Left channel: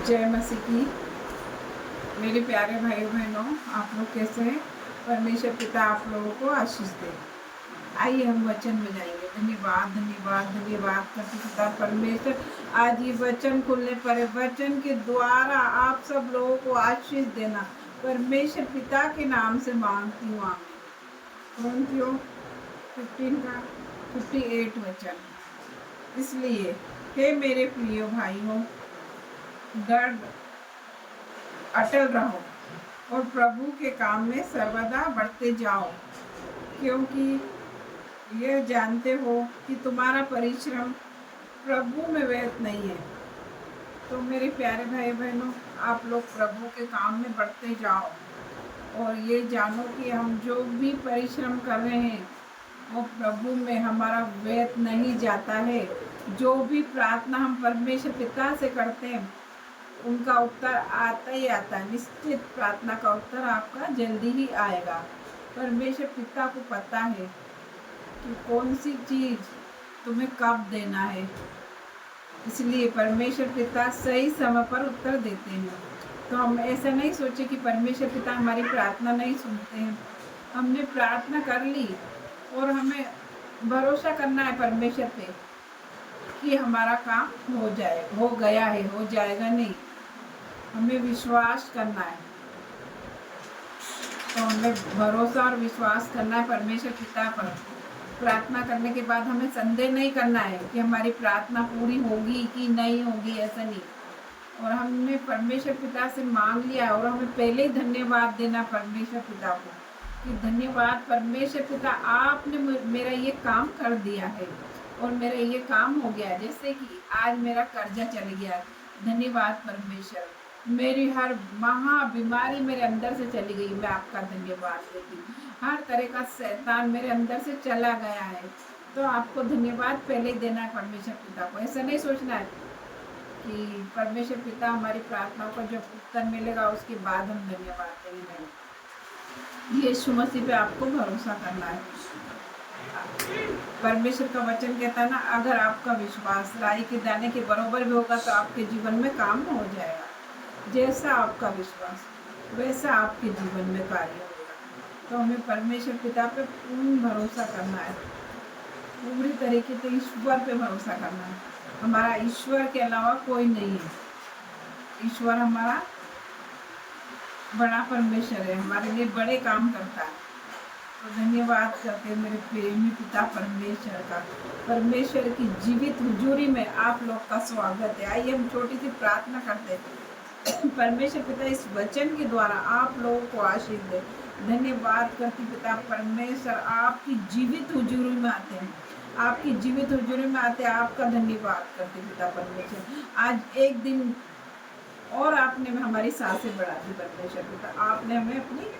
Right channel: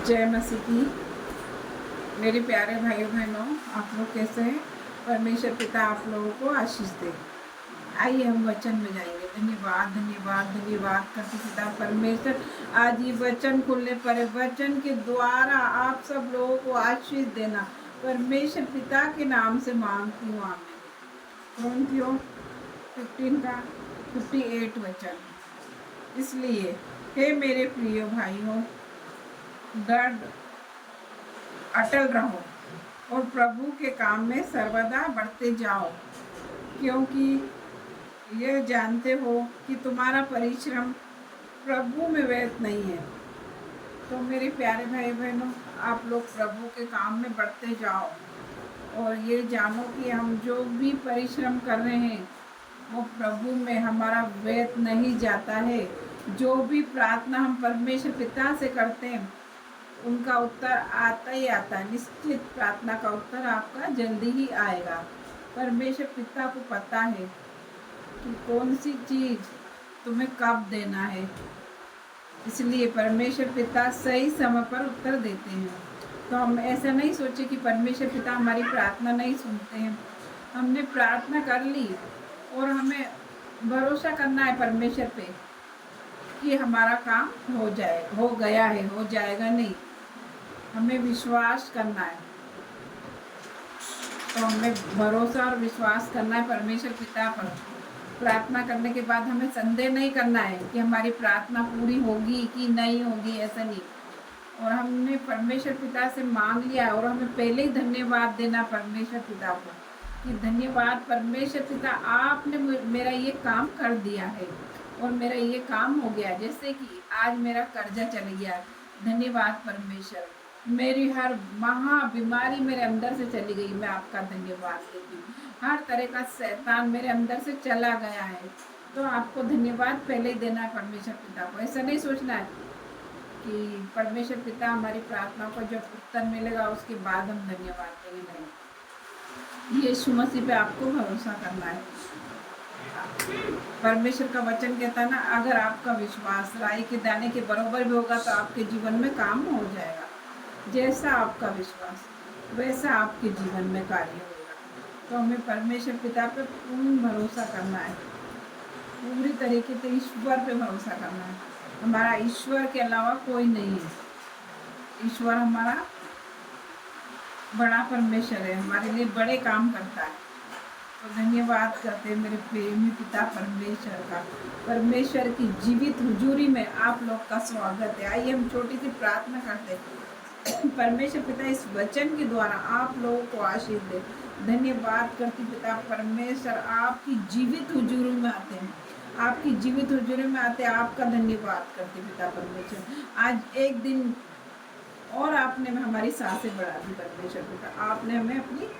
जय मसीह की। मेरे प्यारे भाइयों बहनों, आप लोग कैसे हैं? परमेश्वर पिता आप लोगों को आशीष दे। आइए हम वचन में जाएंगे। धन्यवाद धन्यवाद धन्यवाद करते पिता परमेश्वर, आज ये वचन खुलने पर है। वचन के द्वारा आप सब लोगों को आशीष देना परमेश्वर पिता के नाम से मांगती हूँ। आमीन। कुरिन्थियों 15 का 58 वचन। इसलिए हे मेरे प्रिय भाइयों, दृढ़ अटल रहो और प्रभु के काम में सर्वदा बढ़ते जाओ, क्योंकि यह जानते हो कि तुम्हारा परिश्रम प्रभु में व्यर्थ नहीं है। तो मेरे प्यारे भाई बहनों, आप लोग प्रभु के काम में बढ़ते जाओ और ये जानो कि हम जो भी परिश्रम कर रहे हैं वो प्रभु में हमारा व्यर्थ नहीं जाता है। जो भी प्रार्थना हम परमेश्वर पिता से करते हैं उनका उत्तर आता ही आता है। निश्चित प्रार्थना का उत्तर आपका जल्दी ही आएगा। परमेश्वर पिता को पता है कि कौन सी चीज तुम्हें कब देना है, इसलिए परमेश्वर पिता सही समय पर उत्तर देते हैं। तो हम ऐसा नहीं सोचे कि परमेश्वर पिता हमारी प्रार्थना नहीं सुनते हैं। हमने प्रार्थना कर ली और हमें भरोसा करना है परमेश्वर पे कि हमारा काम हो गया है, हो जाएगा नहीं। हमें विश्वास करना है। तो हमें भरोसा और विश्वास करना है परमेश्वर पिता पर। प्रार्थना करने के बाद हमें संदेह नहीं करना है कि हमारी प्रार्थना पूरी होगी कि नहीं होगी, ऐसा नहीं। और हमने परमेश्वर पिता से मांग लिया है और हमें पहले ही धन्यवाद देना परमेश्वर पिता को कि धन्यवाद परमेश्वर पिता, आपने मेरा ये काम कर दिया है और मेरा ये काम हो गया। जैसे कि आज मेरा कर्जा चल गया, धन्यवाद परमेश्वर। मेरी हर महा बीमारी मेरे अंदर से चली गई, मैं आपका धन्यवाद देती हूँ। हर तरह का शैतान मेरे अंदर से चला गया है। तो आपको धन्यवाद पहले ही देना है परमेश्वर पिता को। ऐसा नहीं सोचना है कि परमेश्वर पिता हमारी प्रार्थनाओं को जब उत्तर मिलेगा उसके बाद हम धन्यवाद देंगे, नहीं। यीशु मसीह पे आपको भरोसा करना है। परमेश्वर का वचन कहता है ना, अगर आपका विश्वास राई के दाने के बराबर भी होगा तो आपके जीवन में काम हो जाएगा। जैसा आपका विश्वास वैसा आपके जीवन में कार्य होगा। तो हमें परमेश्वर पिता पे पूर्ण भरोसा करना है, पूरी तरीके से ईश्वर पे भरोसा करना है। हमारा ईश्वर के अलावा कोई नहीं है। ईश्वर हमारा बड़ा परमेश्वर है, हमारे लिए बड़े काम करता है। तो धन्यवाद करते हैं मेरे प्रेमी पिता परमेश्वर का। परमेश्वर की जीवित हुजूरी में आप लोग का स्वागत है। आइए हम छोटी सी प्रार्थना करते हैं। परमेश्वर पिता, इस वचन के द्वारा आप लोगों को आशीष दे। धन्यवाद करती पिता परमेश्वर, आपकी जीवित हुजूरी में आते हैं, आपकी जीवित हुजूरी में आते हैं। आपका धन्यवाद करते पिता परमेश्वर। आज एक दिन और आपने हमारी सांसें बढ़ा दी परमेश्वर पिता, आपने हमें अपनी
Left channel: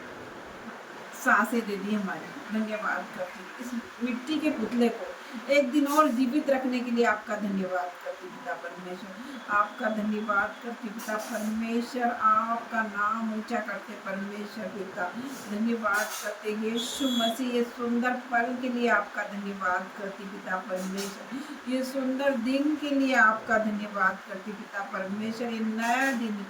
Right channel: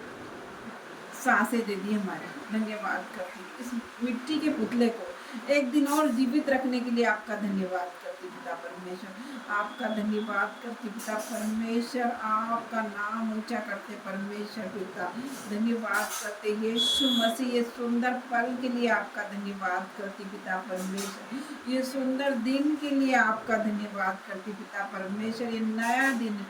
सांसें दे दी हमारी। धन्यवाद करती इस मिट्टी के पुतले को एक दिन और जीवित रखने के लिए आपका धन्यवाद करती पिता परमेश्वर। आपका धन्यवाद करती पिता परमेश्वर, आपका नाम ऊंचा करते परमेश्वर पिता। धन्यवाद करते यीशु मसीह, ये सुंदर पल के लिए आपका धन्यवाद करती पिता परमेश्वर। ये सुंदर दिन के लिए आपका धन्यवाद करती पिता परमेश्वर। ये नया दिन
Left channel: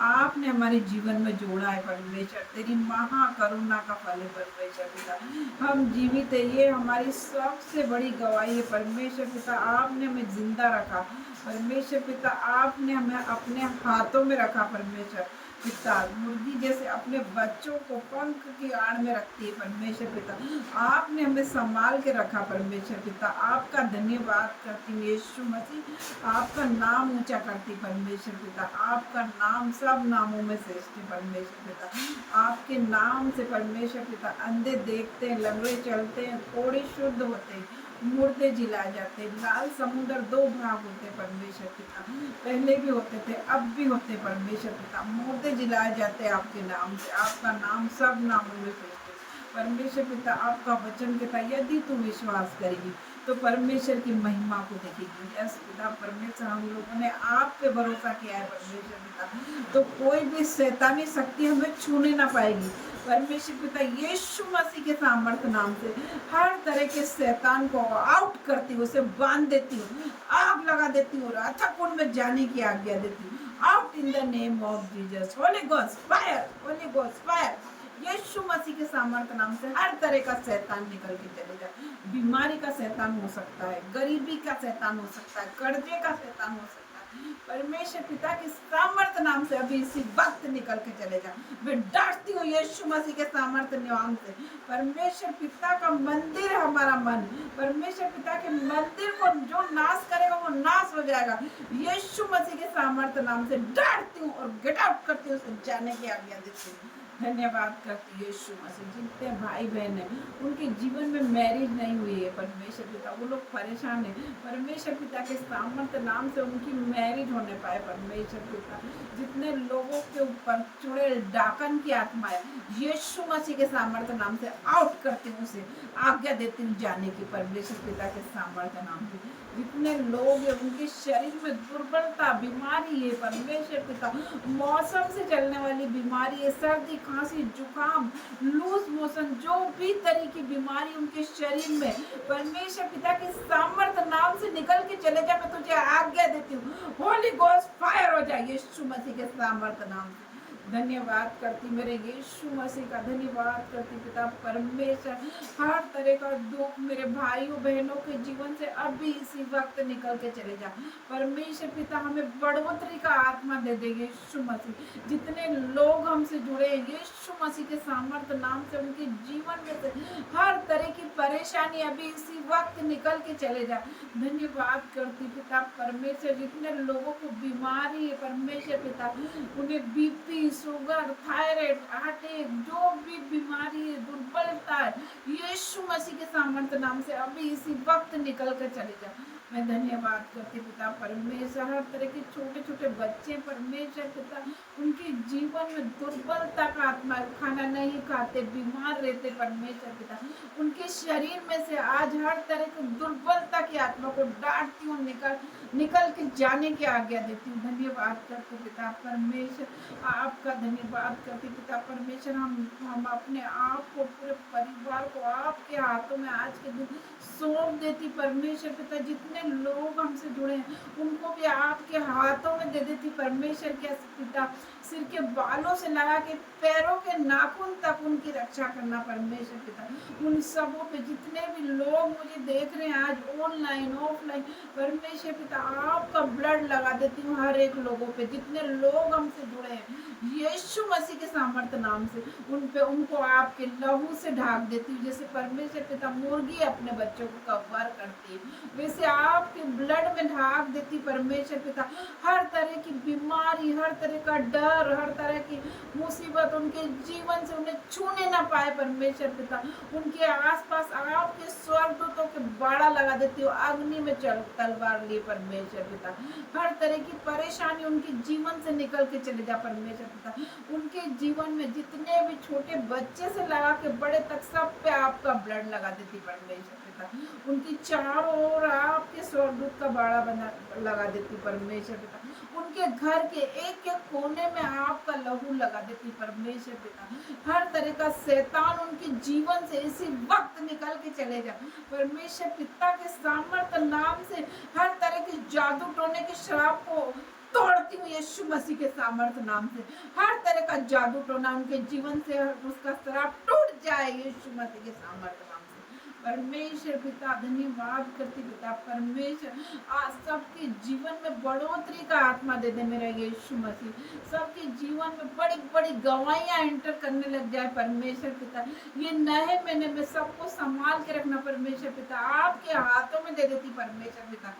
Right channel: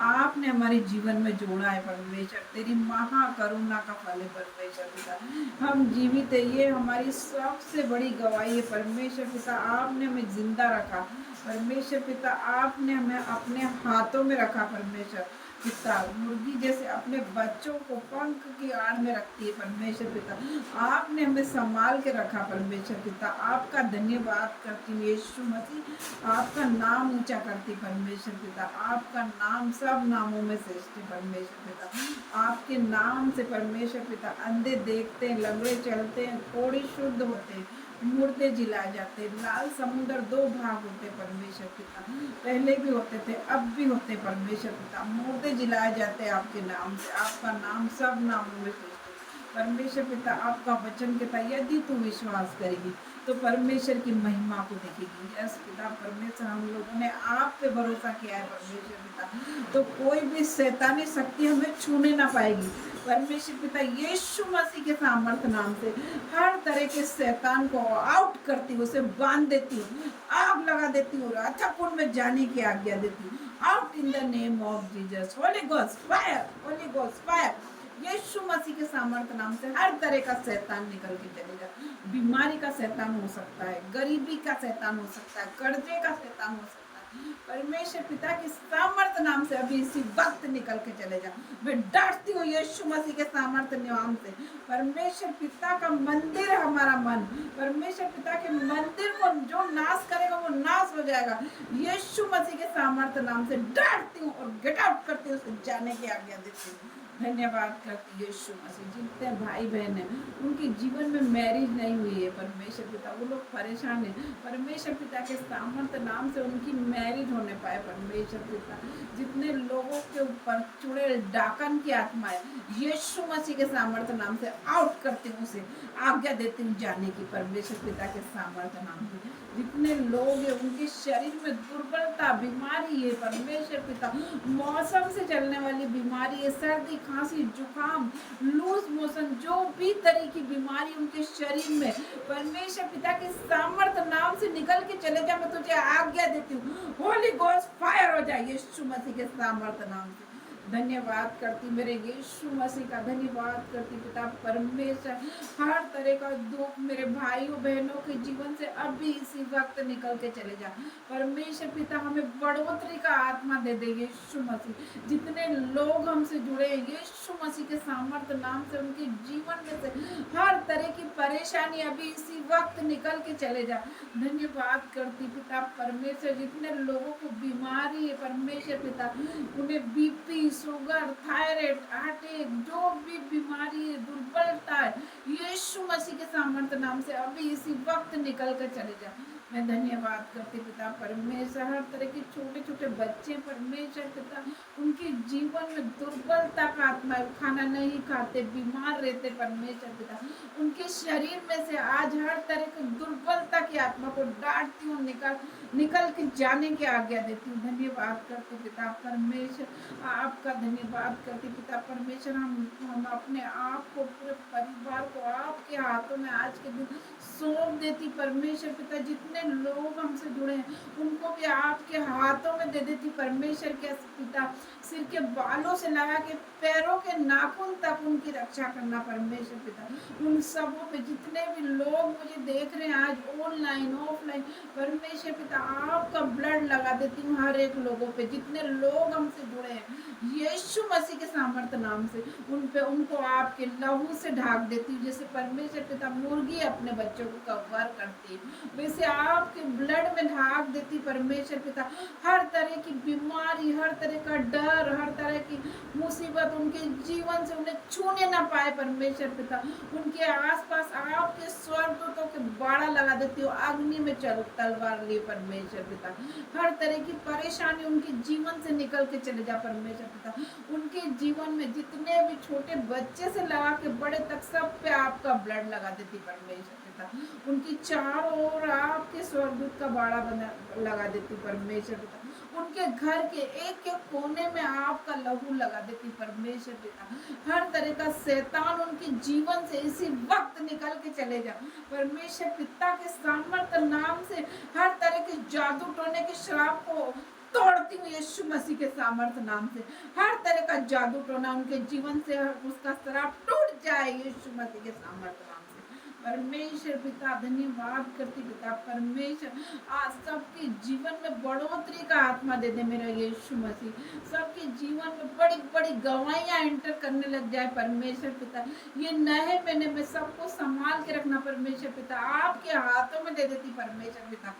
आपने हमारे जीवन में जोड़ा है परमेश्वर, तेरी महाकरुणा का फल है परमेश्वर पिता। हम जीवित है, ये हमारी सबसे बड़ी गवाही है परमेश्वर पिता। आपने हमें जिंदा रखा परमेश्वर पिता, आपने हमें अपने हाथों में रखा परमेश्वर पिता। मुर्गी जैसे अपने बच्चों को पंख की आड़ में रखती है परमेश्वर पिता, आपने हमें संभाल के रखा परमेश्वर पिता। आपका धन्यवाद करती हूँ यीशु मसीह, आपका नाम ऊंचा करती परमेश्वर पिता। आपका नाम सब नामों में श्रेष्ठ है परमेश्वर पिता। आपके नाम से परमेश्वर पिता अंधे देखते हैं, लंगड़े चलते हैं, कोढ़ी शुद्ध होते हैं, मुर्दे जिलाए जाते हैं। लाल समुद्र दो भाग होते परमेश्वर पिता, पहले भी होते थे अब भी होते परमेश्वर पिता। मुर्दे जिलाए जाते हैं आपके नाम से। आपका नाम सब नामों में श्रेष्ठ है परमेश्वर पिता। आपका वचन कहता है यदि तू विश्वास करेगी तो परमेश्वर की महिमा को देखेगी। यस पिता परमेश्वर, हम लोगों ने आप पे भरोसा किया है परमेश्वर पिता, तो कोई भी शैतानी शक्ति हमें छूने ना पाएगी परमेश्वर पिता। यीशु मसीह के सामर्थ नाम से हर तरह के शैतान को आउट करती हूँ, उसे बांध देती हूँ, आग लगा देती हूँ, अथक कुंड में जाने की आज्ञा देती हूँ। Out in the name of Jesus. Holy ghost fire, holy ghost fire. यीशु मसीह के सामर्थ्य नाम से हर तरह का शैतान निकल के चले जाए। बीमारी का शैतान हो सकता है, गरीबी का शैतान हो सकता है, कर्जे का शैतान हो सकता है। परमेश्वर पिता के सामर्थ्य नाम से अभी इसी वक्त निकल के चले जाओ। मैं डांटती हूँ यीशु मसीह के सामर्थ्य नाम से। परमेश्वर पिता का मंदिर है हमारा मन। परमेश्वर पिता के मंदिर को जो नाश करेगा वो नाश हो जाएगा। यीशु मसीह के सामर्थ्य नाम से डांटती हूँ और गेट आउट करती हूँ, उसे जाने की आज्ञा देती हूँ। धन्यवाद करती यीशु मसीह। जितने भाई बहन हैं उनके जीवन में मैरिज नहीं हुई है परमेश्वर पिता, वो लोग परेशान हैं। परमेश्वर पिता के सामर्थ्य नाम से उनकी मैरिज होने पाए परमेश्वर पिता। जितने लोगों के ऊपर चुड़ैल डाकन की आत्मा है यीशु मसीह के सामर्थ्य नाम से आउट करती हूँ, उसे आज्ञा देती हूँ जाने की परमेश्वर पिता के सामर्थ्य नाम से। जितने लोग हैं उनके शरीर में दुर्बलता बीमारी है परमेश्वर पिता, मौसम से चलने वाली बीमारी है, सर्दी खांसी जुकाम लूज मोशन, जो भी तरह की बीमारी उनके शरीर में परमेश्वर पिता के सामर्थ्य नाम से निकल के चले जा। मैं तुझे आज्ञा देती हूँ होली गोस्ट फायर हो जाए यीशु मसीह के सामर्थ्य नाम से। धन्यवाद करती मेरे यीशु मसीह का, धन्यवाद करती पिता परमेश्वर। हर तरह का दुख मेरे भाइयों बहनों के जीवन से अभी इसी वक्त निकल के चले जा परमेश्वर पिता। हमें बढ़ोतरी का आत्मा दे दे यीशु मसीह। जितने लोग हमसे जुड़े हैं यीशु मसीह के सामर्थ्य नाम से उनके जीवन में से हर तरह की परेशानी अभी इसी वक्त निकल के चले जा। धन्यवाद करती पिता परमेश्वर। जितने लोगों को बीमारी है परमेश्वर पिता, उन्हें बीपी शुगर थायराइड अटैक जो भी बीमारी है दुर्बलता है यीशु मसीह के सामर्थ्य नाम से अभी इसी वक्त निकल कर चले जा। मैं धन्यवाद करती पिता परमेश्वर। हर तरह के छोटे छोटे बच्चे परमेश्वर पिता, उनके जीवन में दुर्बलता का आत्मा, खाना नहीं खाते बीमार रहते परमेश्वर पिता, उनके शरीर में से आज हर तरह की दुर्बलता की आत्मा को डांटती हूँ, निकल के जाने की आज्ञा देती हूँ। धन्यवाद करती पिता परमेश्वर, आपका धन्यवाद करती पिता परमेश्वर। हम अपने आप को पूरे परिवार को आपके हाथों में आज के दिन सौंप देती परमेश्वर पिता। जितने लोग हमसे जुड़े हैं उनको भी आपके हाथों में दे देती परमेश्वर के पिता। सिर के बालों से लगा के पैरों के नाखून तक उनकी रक्षा करना परमेश्वर पिता। उन सबों पे जितने भी लोग मुझे देख रहे हैं आज ऑनलाइन ऑफलाइन परमेश्वर पिता, आपका ब्लड लगा देती हूँ हर एक लोगों पे। जितने लोग हमसे जुड़े हैं यीशु मसीह के सामर्थ्य नाम से उन पे उनको आपके लहू से ढाक देती हूँ। जैसे परमेश्वर पिता मुर्गी अपने बच्चों को कवर करती है वैसे आपके ब्लड में ढाक देती परमेश्वर पिता। हर तरह की बीमारी, हर तरह का डर, हर तरह की मुसीबत उनके जीवन से उन्हें छूने ना पाए परमेश्वर पिता। उनके आसपास आपके स्वर्गदूतों के बाड़ा लगा देती हो, अग्नि में तलवार लिए परमेश्वर पिता। हर तरह की परेशानी उनके जीवन से निकल के चले जा परमेश्वर पिता। उनके जीवन में जितने भी छोटे बच्चे से लगा के बड़े तक सब पे आपका ब्लड लगा देती परमेश्वर पिता। उनकी चारों ओर आपके स्वर्गदूत का बाड़ा बना लगा देती परमेश्वर पिता। उनके घर के एक एक कोने में आपका लहू लगा देती परमेश्वर पिता। हर तरह का शैतान उनके जीवन से इसी वक्त निकल के चले जा परमेश्वर पिता के सामर्थ्य नाम से। हर तरह के जादू टोने के श्राप को तोड़ती हूँ यीशु मसीह के सामर्थ्य नाम से। हर तरह का जादू टोना उनके जीवन से उसका श्राप टूट जाए यीशु मसीह के सामर्थ्य नाम से। परमेश्वर पिता धन्यवाद करती पिता परमेश्वर। आज सबके जीवन में बढ़ोतरी का आत्मा दे दे मेरा यीशु मसीह। सबके जीवन में बड़ी बड़ी गवाहियां एंटर करने लग जाए परमेश्वर पिता। ये नए महीने में सबको संभाल के रखना परमेश्वर पिता, आपके हाथों में दे देती परमेश्वर पिता।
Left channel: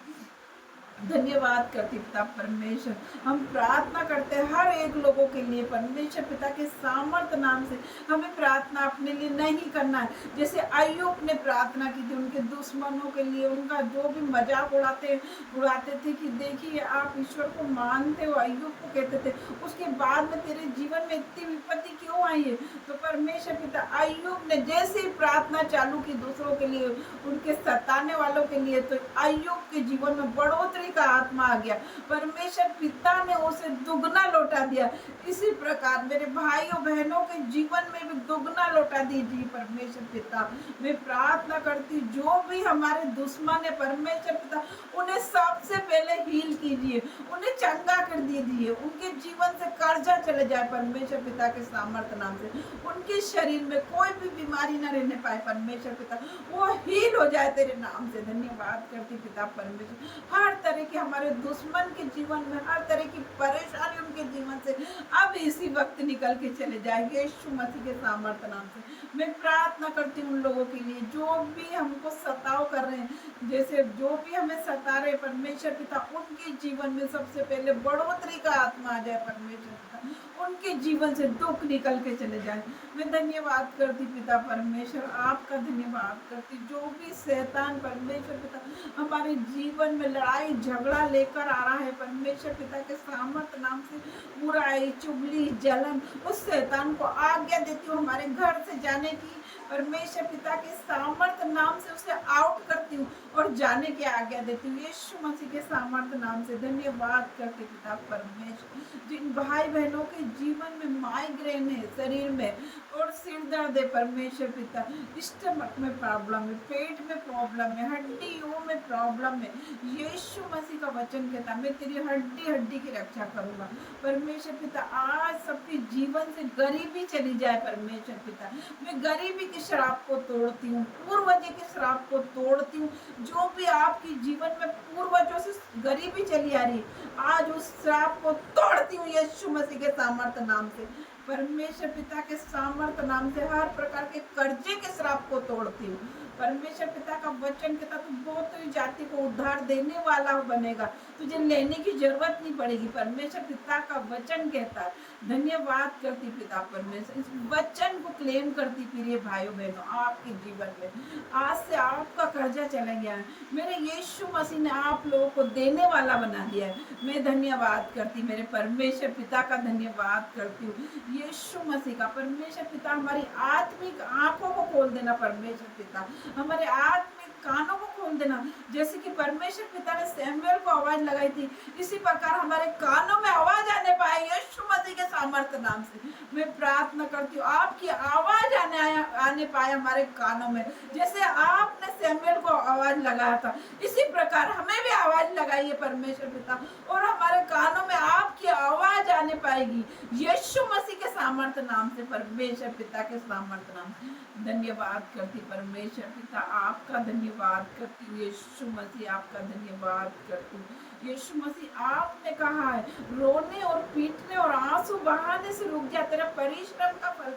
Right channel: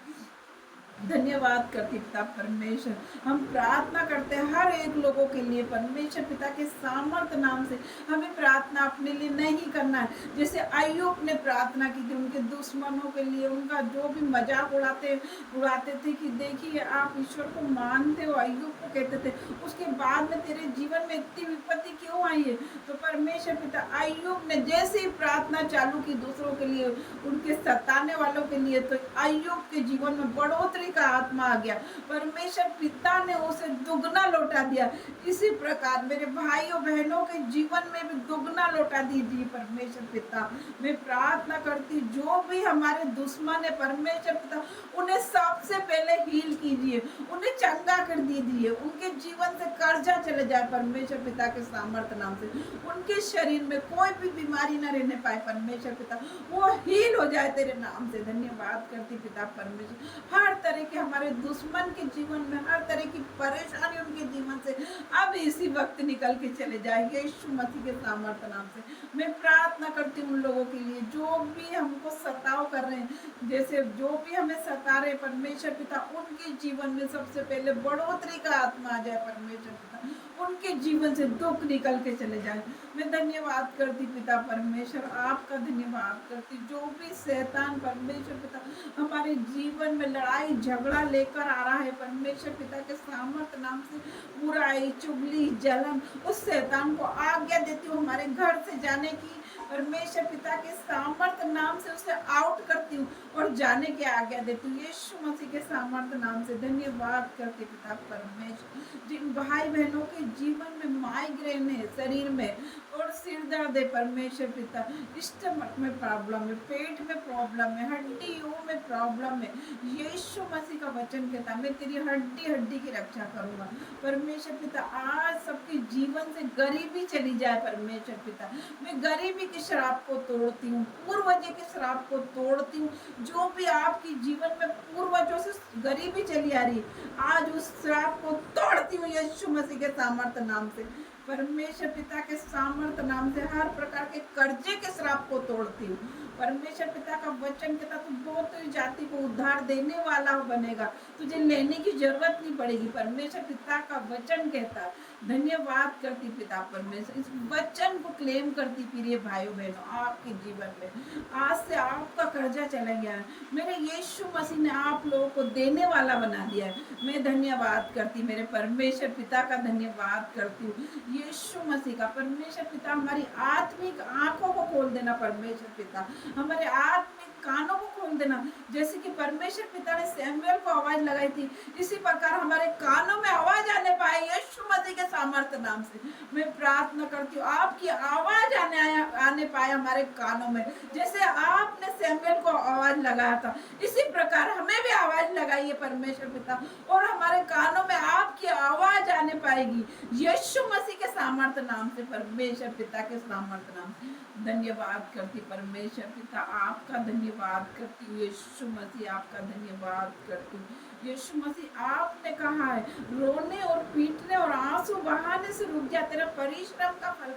धन्यवाद करती पिता परमेश्वर। हम प्रार्थना करते हैं हर एक लोगों के लिए परमेश्वर पिता के सामर्थ्य नाम से। हमें प्रार्थना अपने लिए नहीं करना है, जैसे अय्यूब ने प्रार्थना की थी उनके दुश्मनों के लिए, उनका जो भी मजाक उड़ाते थे कि देखिए आप ईश्वर को मानते हो, अय्यूब को कहते थे, उसके बाद में तेरे जीवन में इतनी विपत्ति क्यों आई है। तो परमेश्वर पिता अय्यूब ने जैसे ही प्रार्थना चालू की दूसरों के लिए, उनके सताने वालों के लिए, तो अय्यूब के जीवन में बढ़ोतरी बढ़ोतरी का आत्मा आ गया, परमेश्वर पिता ने उसे दुगना लौटा दिया। इसी प्रकार मेरे भाइयों बहनों के जीवन में भी दुगना लौटा दीजिए परमेश्वर पिता। मैं प्रार्थना करती हूँ जो भी हमारे दुश्मन है परमेश्वर पिता, उन्हें सबसे पहले हील कीजिए, उन्हें चंगा कर दीजिए, उनके जीवन से कर्जा चले जाए परमेश्वर पिता के सामर्थ्य नाम से। उनके शरीर में कोई भी बीमारी न रहने पाए परमेश्वर पिता, वो हील हो जाए तेरे नाम से। धन्यवाद करती पिता परमेश्वर। हर तरह के हमारे दुश्मन के जीवन में हर तरह की परेशानी उनके जीवन से अब इसी वक्त निकल के चले जाए यीशु मसीह के सामर्थ्य नाम से। मैं प्रार्थना करती हूँ उन लोगों के लिए जो भी हमको सताव कर रहे हैं, जैसे जो भी हमें सता रहे परमेश्वर पिता, उनके जीवन में सबसे पहले बढ़ोतरी का आत्मा आ जाए परमेश्वर पिता, उनके जीवन से दुख निकल के चले जाए। मैं धन्यवाद करती पिता परमेश्वर, आपका धन्यवाद करती। जो भी शैतान परमेश्वर पिता हमारे जीवन में लड़ाई झगड़ा लेकर आ रहा है परमेश्वर पिता के सामर्थ्य नाम से, बुराई चुगली जलन, उस शैतान को आज्ञा देती हूँ हमारे घर से जाने की परमेश्वर पिता के सामर्थ्य नाम से उसे आउट करती हूँ और जाने की आज्ञा देती हूँ यीशु मसीह के सामर्थ्य नाम से। धन्यवाद करते पिता परमेश्वर। जिन भाई बहनों के जीवन में माइग्रेन है शरीर में और सिर दर्द है परमेश्वर पिता, स्टमक में प्रॉब्लम है, पेट में प्रॉब्लम है, हड्डियों में प्रॉब्लम है, यीशु मसीह का वचन कहता मैं तेरी हड्डी हड्डी की रक्षा करूंगा परमेश्वर पिता। आज सबके जीवन से गरीबी चली जाए परमेश्वर पिता। मैं गरीबी की शराब को तोड़ती हूँ, पूर्वजों की शराब को तोड़ती हूँ। जो भी आपके जीवन में पूर्वजों से गरीबी चली आ रही, आज उस शराब को तोड़ती हूँ यीशु मसीह के सामर्थ्य नाम से परमेश्वर पिता के सामर्थ्य नाम से। हर प्रकार के कर्जे के श्राप को तोड़ती हूँ परमेश्वर पिता का वचन कहता तू बहुत जाति को उद्धार देने वाला बनेगा, तुझे लेने की जरूरत नहीं पड़ेगी परमेश्वर पिता का वचन कहता है। धन्यवाद करती पिता परमेश्वर, इस वचन को क्लेम करती प्रिय भाइयों बहनों आपके जीवन में आज से आपका कर्जा चला गया है, मेरे यीशु मसीह ने आप लोगों को देने वाला बना दिया है। मैं धन्यवाद करती मेरे परमेश्वर पिता का धन्यवाद करती हूँ यीशु मसीह का। परमेश्वर पिता हमारी आत्मिक आंखों को खोल देना परमेश्वर पिता, हमारे आत्मिक कानों को खोल देना। जैसे कि परमेश्वर पिता ने सैमुएल को आवाज लगाई थी, इसी प्रकार हमारे कानों में आवाज आने पाए यीशु मसीह के सामर्थ्य नाम से। मैं प्रार्थना करती हूँ आपकी आवाज आने पाए हमारे कानों में, जैसे आपने सैमुएल को आवाज लगाया था इसी प्रकार हमें भी आवाज लगाइए परमेश्वर पिता, और हमारे कानों में आपकी आवाज आने पाएगी यीशु मसीह के सामर्थ्य नाम से परमेश्वर पिता के सामर्थ्य नाम से। धन्यवाद करती परमेश्वर पिता, आपका धन्यवाद करती हूँ यीशु मसीह, आपका धन्यवाद करती हूँ यीशु मसीह। आपने कहा है रोने और पीटने और आंसू बहाने से रुक जा, तेरा परिश्रम का फल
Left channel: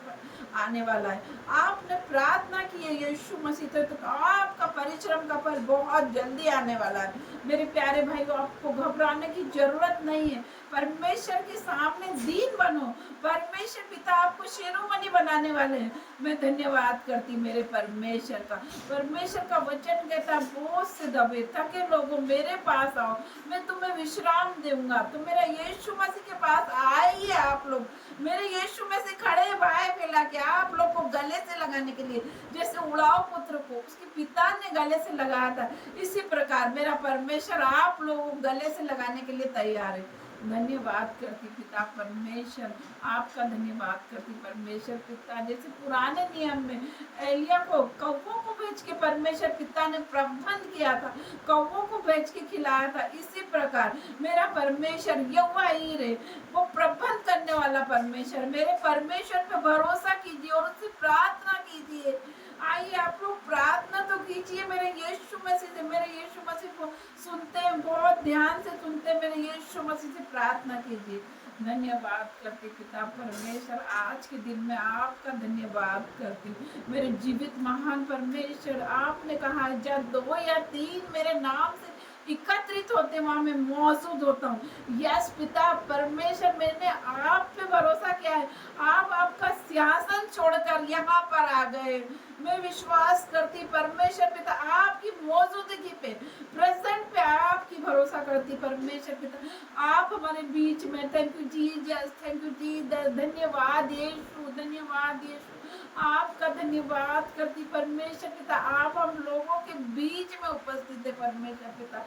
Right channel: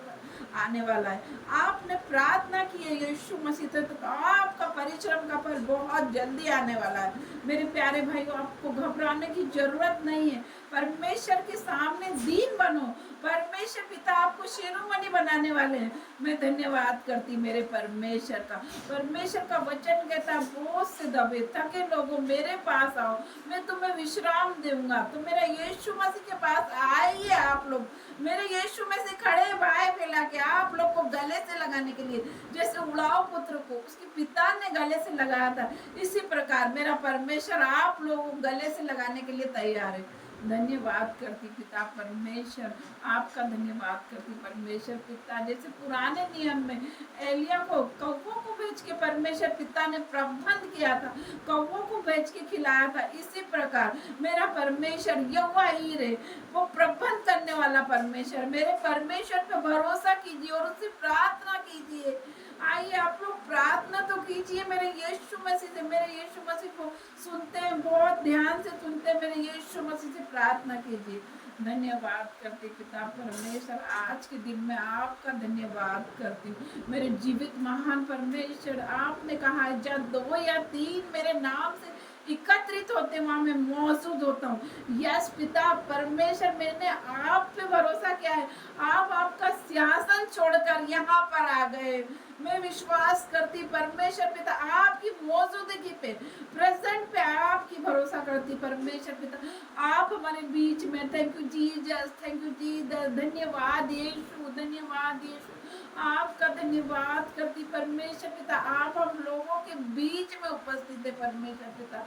आने वाला है। आपने प्रार्थना की है यीशु मसीह से, तो आपका परिश्रम का फल बहुत जल्दी आने वाला है। मेरे प्यारे भाइयों आपको घबराने की जरूरत नहीं है, परमेश्वर के सामने दीन बनो, परमेश्वर पिता आपको शिरोमणि बनाने वाले हैं। मैं धन्यवाद करती मेरे परमेश्वर का। परमेश्वर का वचन कहता बोझ से दबे थके लोगों मेरे पास आओ, मैं तुम्हें विश्राम दूंगा। तो मेरा यीशु मसीह के पास आइए आप लोग, मेरे यीशु में से खड़े भाई फैला के आप लोग को गले से लगाने के लिए, जैसे उड़ाव पुत्र को उसके पिता ने गले से लगाया था, इसी प्रकार मेरा परमेश्वर आप लोगों को गले से लगाने के लिए तैयार है। धन्यवाद करती पिता परमेश्वर, आपका धन्यवाद करती परमेश्वर पिता। जैसे पुराने नियम में एलिया को कौवों को भेज के परमेश्वर पिता ने प्रबंध किया था, कौवों को भेज के खिलाया था, इसी प्रकार मेरा परमेश्वर यहोवा ईरे वो प्रबंध करने वाला परमेश्वर। मेरे परमेश्वर पे भरोसा कीजिए और उससे प्रार्थना कीजिए। आइए आप लोग प्रार्थना तो कीजिए मेरे यीशु मसीह से, मेरे यीशु मसीह को सुनते हैं, बहुत ध्यान से सुनते हैं, मेरे यीशु मसीह से प्रार्थना कीजिए। धन्यवाद करती पिता परमेश्वर, आज के दिन में आपका धन्यवाद करती हूँ मेरे जीवित महान परमेश्वर। आपने कहा जब 2 या 3 मेरे नाम से एकत्रित होते वहां मैं मौजूद होता हूँ। यस पिता परमेश्वर, मैंने आप पे भरोसा किया है, आप आपका सिंहासन छोड़कर यहाँ पर आ गए। मैं विश्वास करती परमेश्वर पिता आपकी मौजूदगी पे, प्रेजेंट पे आपकी भरोसा करती परमेश्वर पिता आप हमारे बीच में। Thank you Jesus, thank you Jesus, धन्यवाद यीशु, धन्यवाद यीशु, आपका धन्यवाद करती परमेश्वर पिता आप हम लोगों के बीच में उपस्थित है परमेश्वर पिता,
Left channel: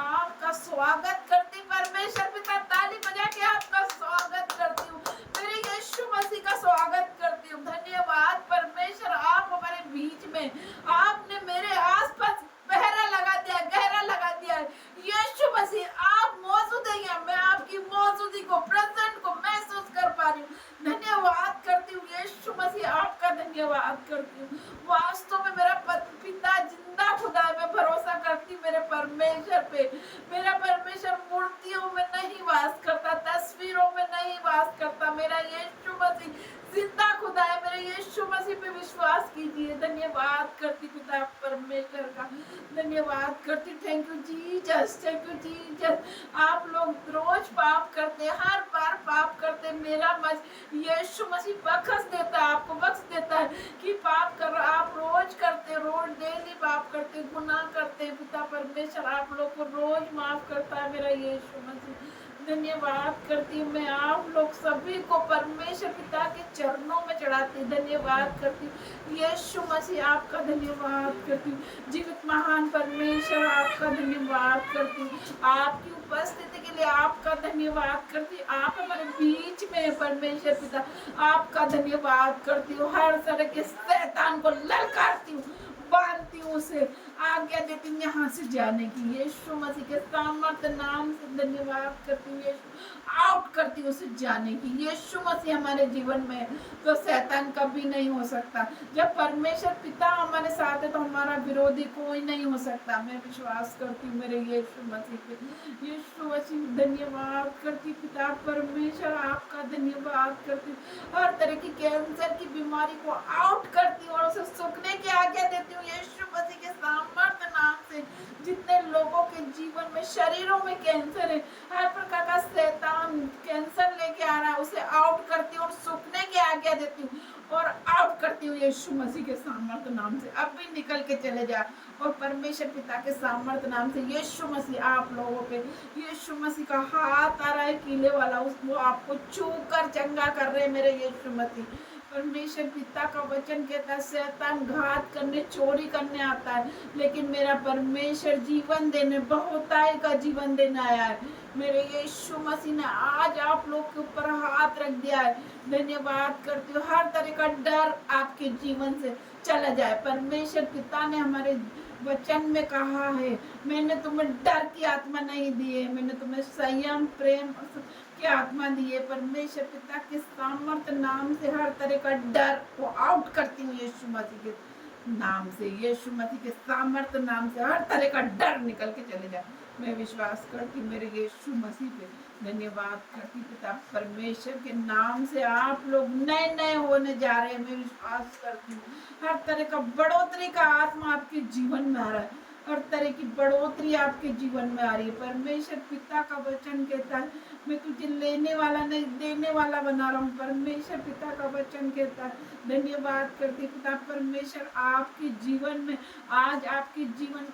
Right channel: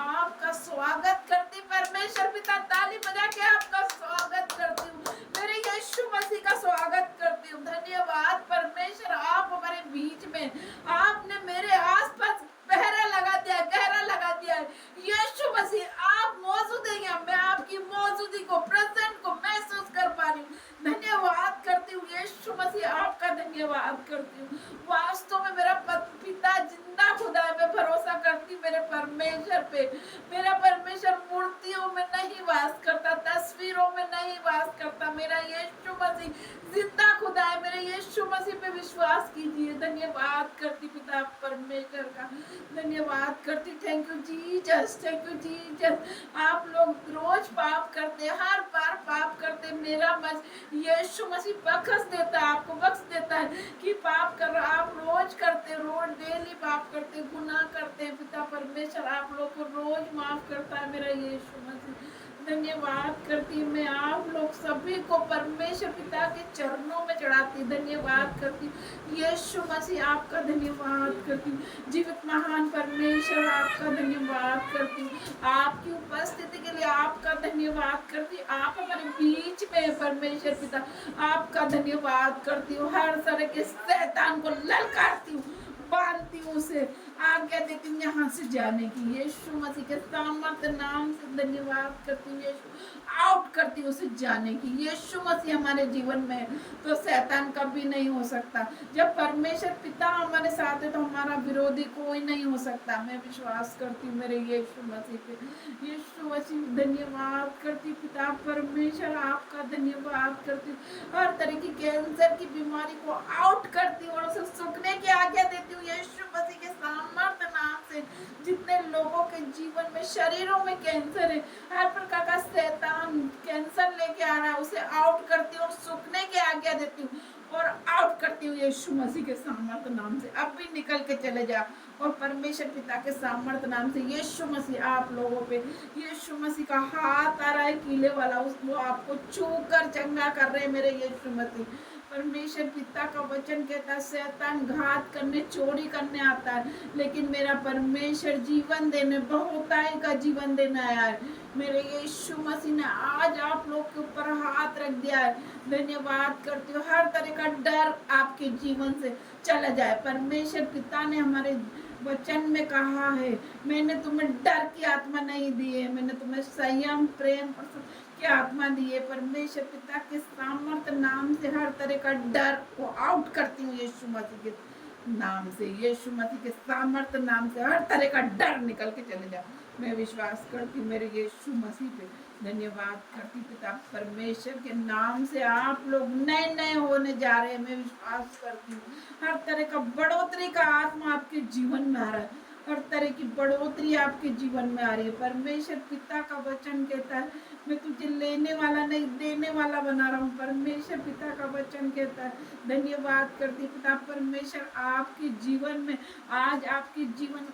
आपका स्वागत करती परमेश्वर पिता, ताली बजा के आपका स्वागत करती हूँ, मेरे यीशु मसीह का स्वागत करती हूँ। धन्यवाद परमेश्वर आप हमारे बीच में, आपने मेरे आसपास पहरा लगा दिया, गहरा लगा दिया है। यीशु मसीह आप मौजूद है यहाँ, मैं आपकी मौजूदगी को, प्रेजेंट को महसूस कर पा रही हूँ। धन्यवाद करती हूँ यीशु मसीह, आपका धन्यवाद करती हूँ। वास्तव में मेरा पिता जिंदा खुदा है, मैं भरोसा करती हूँ मेरे परमेश्वर पे। मेरा परमेश्वर मूर्तियों में नहीं वास करता, तस्वीरों में नहीं वास करता, मेरा यीशु मसीह जिंदा खुदा है। मेरे यीशु मसीह पे विश्वास कीजिए। धन्यवाद करती पिता परमेश्वर का, धन्यवाद करती। Thank you Jesus, thank you Jesus. आप लोग रोज पाप करते, हर बार पाप करते, मेरा यीशु मसीह बख्श देता है, आपको बख्श देता है कि पाप कर आप रोज करते, रोज डेली पाप करते, गुनाह करते, पिता परमेश्वर आप लोग को रोज माफ करता है मेरा यीशु मसीह। धन्यवाद करती हूँ मैं आप लोग सभी को परमेश्वर पिता के चरणों में चढ़ाती, धन्यवाद करती हूँ यीशु मसीह, आपका धन्यवाद करती हूँ। जीवित महान परमेश्वर आपका धन्यवाद करती हूँ, आपकी उपस्थिति के लिए आपका धन्यवाद करती हूँ। आप हमारे बीच में परमेश्वर पिता आपका धन्यवाद करती हूँ। हर तरह के शैतान को ललकारती हूँ, बांधती हूँ, उसे आज्ञा देती हूँ यहाँ से जाने की, यीशु मसीह के सामर्थ्य नाम से धन्यवाद करती हूँ। यीशु आउट करती हूँ उसे जाने की, यीशु मसीह हमारे जीवन में तो शैतान कभी नहीं हो सकता। जब परमेश्वर पिता हमारे साथ है तो हमारा विरोधी कोई नहीं हो सकता। मैं विश्वास करती हूँ मेरे यीशु मसीह पे, यीशु मसीह धन्यवाद करती पिता परमेश्वर आपका धन्यवाद करती हूँ। हर तरह की कैंसर की बीमारी को आउट करती हूँ और उसे सूखने की आज्ञा देती हूँ यीशु मसीह के सामर्थ्य नाम से। जितने लोगों के जीवन में शरीरों में कैंसर है, हर प्रकार का शैतान कैंसर लेके आ रहा है, उसे आउट करती हूँ और सूखने की आज्ञा देती हूँ और आउट करती हूँ यीशु मसीह के सामर्थ्य नाम से। अब भी निकल के चले जा और परमेश्वर पिता के सामर्थ्य नाम से यीशु मसीह आप लोगों पे, यीशु मसीह का हाथ आ रहा है कीले वाला, वो आपको छू कर चंगा कर रहे हैं मेरे यीशु मसीह। परमेश्वर पिता का वचन कहता है शैतान घात करने, चोरी करने आता है, लेकिन मेरा परमेश्वर जीवन देने, बहुताई का जीवन देने आया है। मेरे यीशु मसीह ने आज आप लोग के ऊपर हाथ रख दिया है। धन्यवाद करती हूँ। हर तरह का डर आपके जीवन से चला जाए। परमेश्वर पिता ने हमारे वचन में कहा है, मैंने तुम्हें डर की आत्मा नहीं दी है, मैंने तुम्हें संयम, प्रेम और की आत्मा दी है। परमेश्वर पिता के सामर्थ्य नाम से हर तरह का डर को आउट करती हूँ यीशु मसीह के नाम से, यीशु मसीह के सामर्थ्य नाम से हर तरह का डर निकल के चले जाए। मैं विश्वास करती हूँ मेरे यीशु मसीह पे। धन्यवाद करती पिता परमेश्वर के नाम से आप लोग नए नए होने जा रहे हैं। मैं विश्वास करती हूँ हर तरह का बढ़ोतरी का आत्मा आपके जीवन में आ रहा है, हर तरह की बढ़ोतरी आपके जीवन में आ रही है। परमेश्वर पिता का वचन कहता है मैं तुझे लेने वाला नहीं देने वाला बना रहा हूँ। परमेश्वर पिता का वचन कहता है। धन्यवाद करती पिता परमेश्वर आपके जीवन में आज आपके जीवन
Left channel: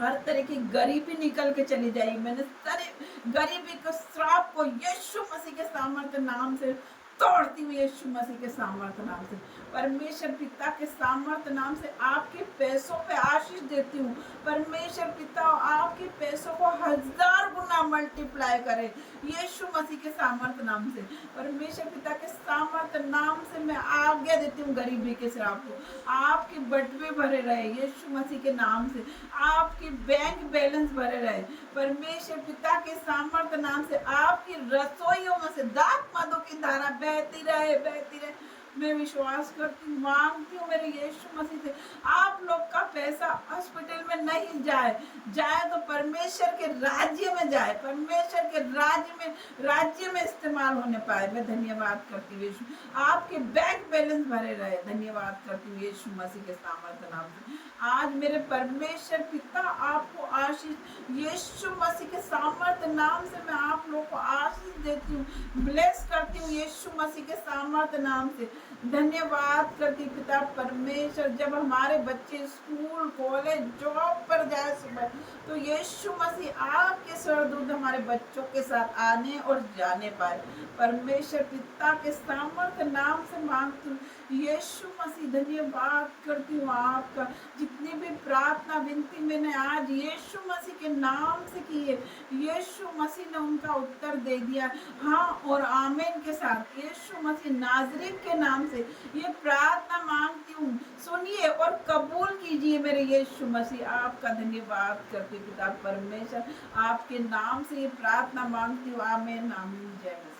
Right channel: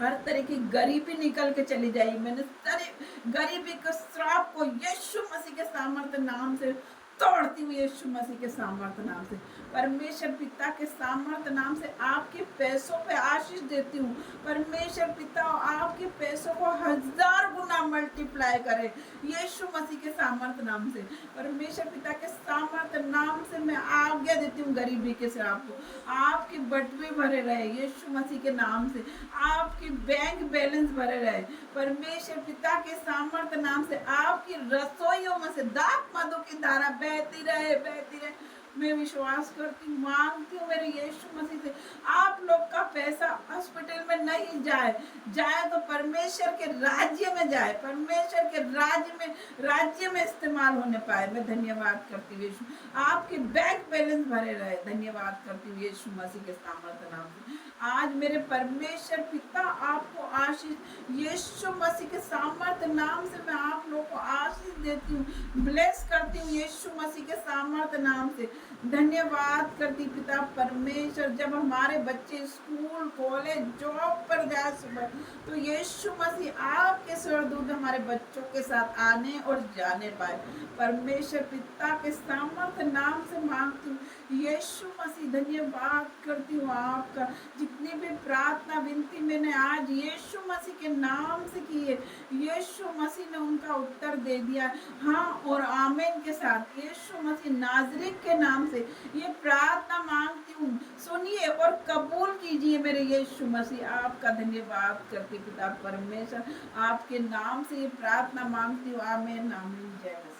हर तरह की गरीबी निकल के चली जाएगी। मैंने सारे गरीबी के श्राप को यीशु मसीह के सामर्थ्य नाम से तोड़ती हुई यीशु मसीह के सामर्थ्य नाम से, परमेश्वर पिता के सामर्थ्य नाम से आपके पैसों पे आशीष देती हूँ। परमेश्वर पिता आपके पैसों को 1000 गुना मल्टीप्लाई करे यीशु मसीह के सामर्थ्य नाम से। परमेश्वर पिता के सामर्थ्य नाम से मैं आज्ञा देती हूँ गरीबी के श्राप को, आपके बटवे भरे रहे यीशु मसीह के नाम से, आपके बैंक बैलेंस भरे रहे। परमेश्वर पिता के सामर्थ्य नाम से आपकी रसोइयों में से दाख मधु की धारा बहती रहे, बहती रहे। मैं विश्वास करती हूँ, मांगती हूँ मेरे यीशु मसीह से आप लोग का पैसा हॉस्पिटल में नहीं जाए तो परमेश्वर के राज्य में जाए, परमेश्वर के राज्य में इस्तेमाल होने पाए। मैं धन्यवाद करती हूँ यीशु, आपके बैंक बैलेंस भरे रहे। धन्यवाद करती हूँ यीशु मसीह के सामर्थ्य नाम से। आज मेरे परमेश्वर पिता आपको आशीष यीशु मसीह के सामर्थ्य नाम से मैं आप लोग को आशीष देती हूँ, ब्लेस करती हूँ यीशु मसीह के सामर्थ्य नाम से। धन्यवाद करती पिता परमेश्वर, जब हमारे बच्चे स्कूल कॉलेज जॉब पर जाए सुबह, तो यीशु मसीह आपके स्वर्गदूत हमारे बच्चों के साथ आने और जाने पाए। परमेश्वर पिता के सामर्थ्य नाम से मांगती हूँ, यीशु मसीह धन्यवाद करती हूँ आपका। जितनी भी प्रार्थना विनती मैंने आज यीशु मसीह के नाम से की है, यीशु मसीह ने उनका उत्तर दे दिया। हाँ और आमीन के साथ यीशु मसीह नाजरीत के नाम से ये प्रार्थना मांगती हूँ, सुनिए और कबूल कीजिए मेरे यीशु मसीह। आपका धन्यवाद करती पिता परमेश्वर, आपके नाम से ये प्रार्थना मांगती हूँ। आमीन आमीन। जय मसीह।